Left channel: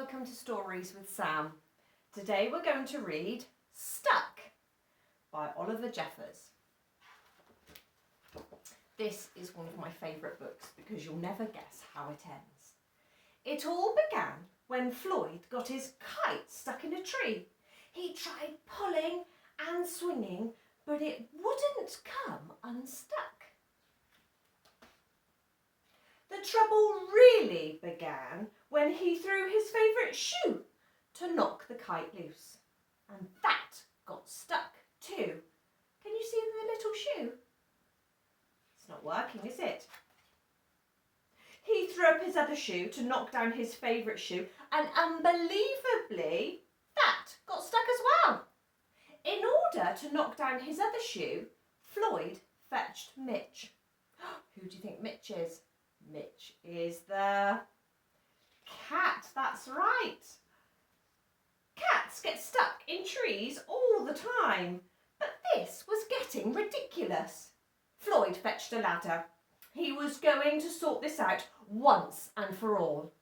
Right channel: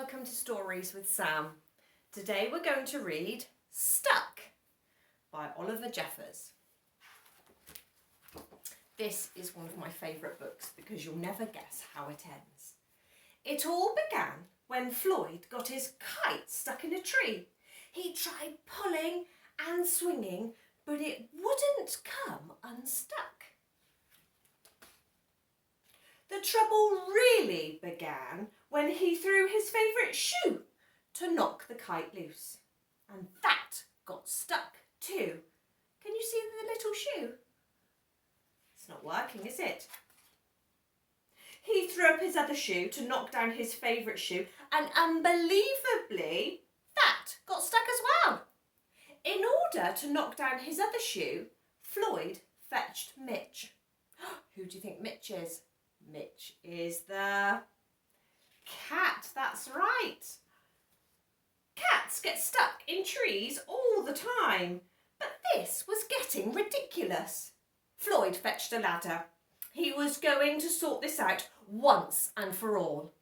Welcome to Stories with Sam. Today we're going to read Stuck by Oliver Jeffers. This is one of my favourite books because you'll never guess how it ends. It all began when Floyd got his kite stuck in a tree. He tried pulling and swinging, but it wouldn't come unstuck. The trouble really began when he threw his favourite shoe to knock the kite loose. And that got stuck too. Can you see the little shoe? It's not working, is it? He threw up his other shoe to knock down his favourite shoe, and unbelievably, that got stuck as well. In order to knock down his other shoe, Floyd fetched Mitch. Who do you think Mitch is? Mitch is the cat, that's right. Cats get stuck in trees all the time, but this was getting ridiculous. Floyd fetched a ladder. He was going to sort this out once and for all.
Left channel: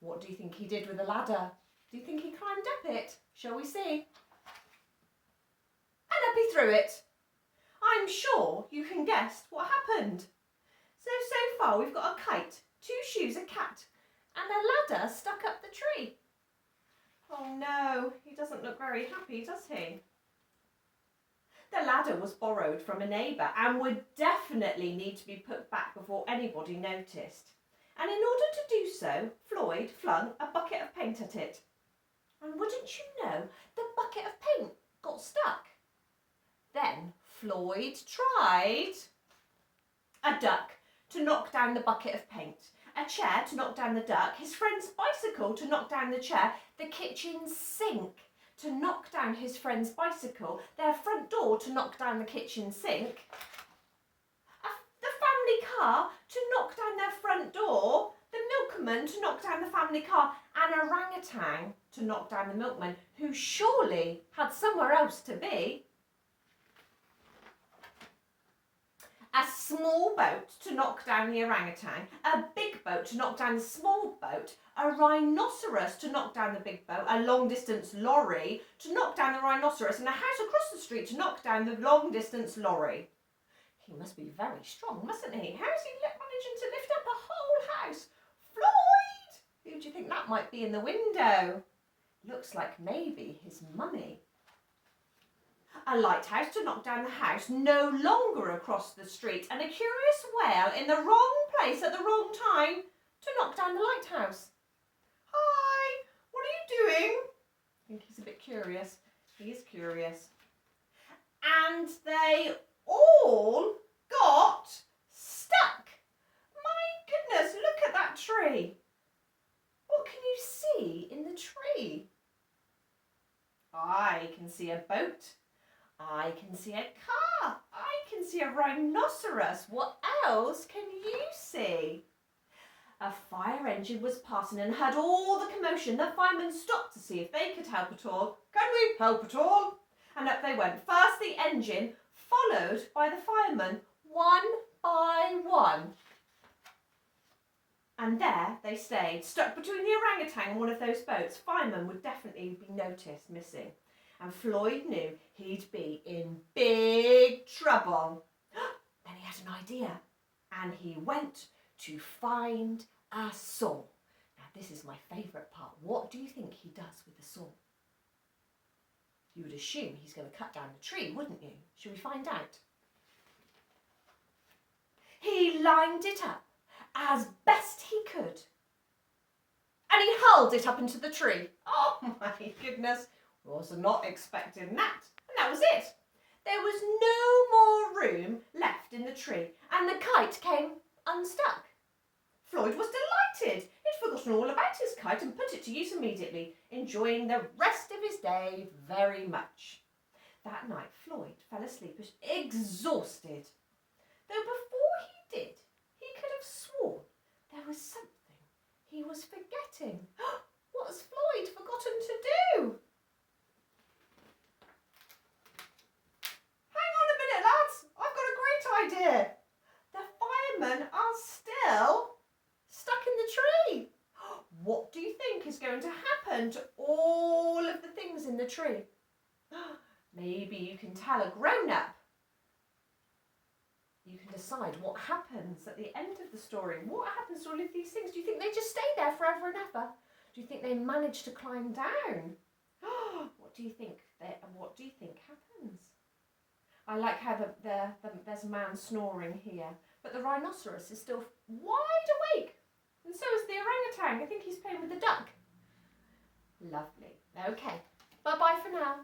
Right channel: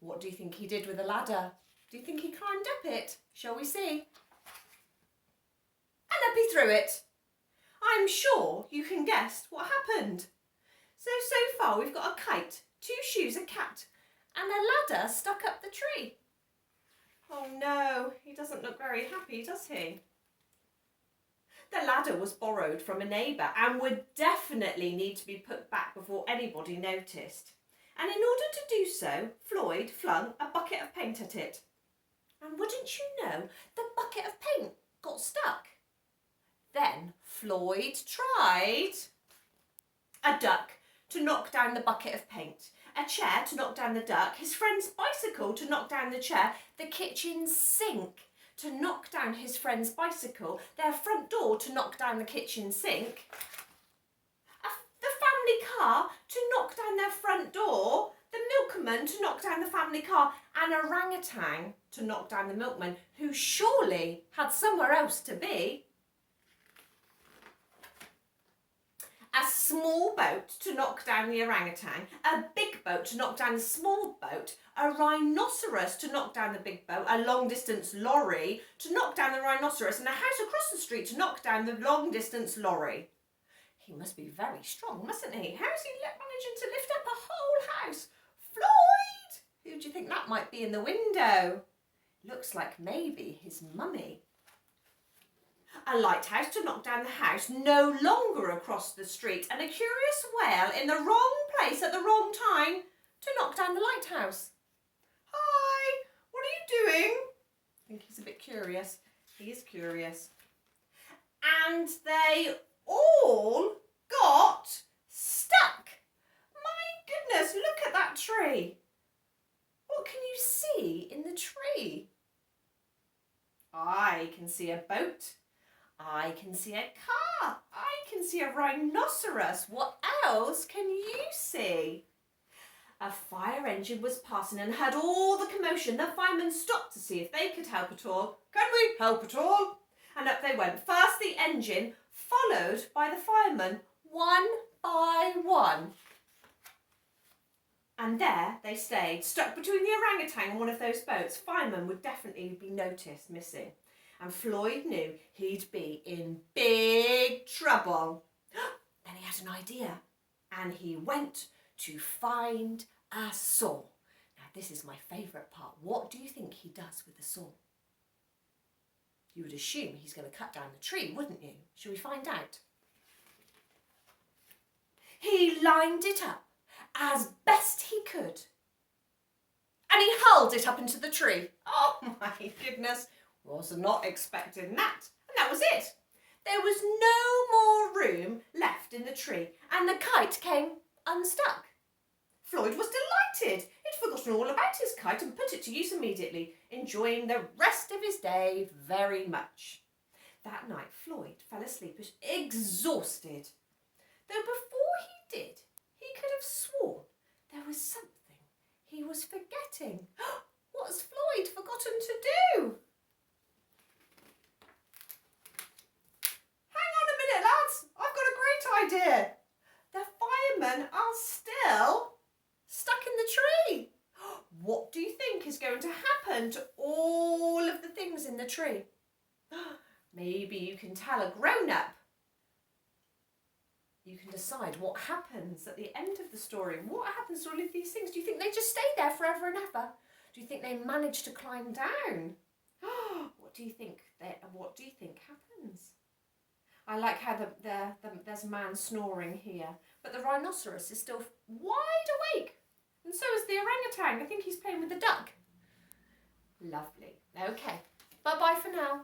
What do you think he did with the ladder? Do you think he climbed up it? Shall we see? And up he threw it. I'm sure you can guess what happened. So far we've got a kite, 2 shoes, a cat, and a ladder stuck up the tree. Oh no, he doesn't look very happy, does he? The ladder was borrowed from a neighbour and would definitely need to be put back before anybody noticed. And in order to do so, Floyd flung a bucket of paint at it. And wouldn't you know, the bucket of paint got stuck. Then Floyd tried a duck to knock down the bucket of paint, a chair to knock down the duck, his friend's bicycle to knock down the chair, the kitchen sink to knock down his friend's bicycle, their front door to knock down the kitchen sink, the family car to knock down their front door, the milkman to knock down the family car, and a orangutan to knock down the milkman, who surely had somewhere else to be. A small boat to knock down the orangutan, a big boat to knock down the small boat, a rhinoceros to knock down the big boat, a long-distance lorry to knock down the rhinoceros, and a house across the street to knock down the long-distance lorry. He must be very strong, mustn't he? How's he managing to lift up a whole house? Floyd! Who do you think that might be in the window? Looks like maybe his mummy. A lighthouse to knock down the house, no longer across the street, and a curious whale in the wrong place at the wrong time to knock down the lighthouse. Hi, what are you doing? I think he's a bit curious. He is curious. And they all got stuck. My goodness, look at that tree. What can you see in the tree? I can see a boat. I can see a car. I can see a rhinoceros. What else can you see? A fire engine was passing and heard all the commotion. The firemen stopped to see if they could help at all. Can we help at all? And up they went. First the engine, followed by the firemen, one by one. And there they stayed, stuck between the orangutan and one of those boats. Firemen would definitely be noticed missing. And Floyd knew he'd be in big trouble. Then he had an idea, and he went to find a saw. Now this is my favourite part. What do you think he does with the saw? You would assume he's going to cut down the tree, wouldn't you? Shall we find out? He lined it up as best he could, and he hurled it up into the tree. Oh my goodness! Was not expecting that. And that was it. There was no more room left in the tree, and the kite came unstuck. Floyd was delighted. He'd forgotten all about his kite and put it to use immediately, enjoying the rest of his day very much. That night Floyd fell asleep exhausted. Though before he did, he could have sworn there was something he was forgetting. What has Floyd forgotten to do? Idea. The firemen are still stuck in the tree. What do you think is going going to happen to all of the things in the tree? Maybe you can tell a grown-up. You can decide what happens at the end of the story. What happens to all of these things? Do you think they just stay there forever and ever? Do you think they manage to climb down? What do you think happens? I like how there's a man snoring here, but the rhinoceros is still wide awake, and so is the orangutan. I think he's playing with the duck. Lovely. Okay, bye-bye for now.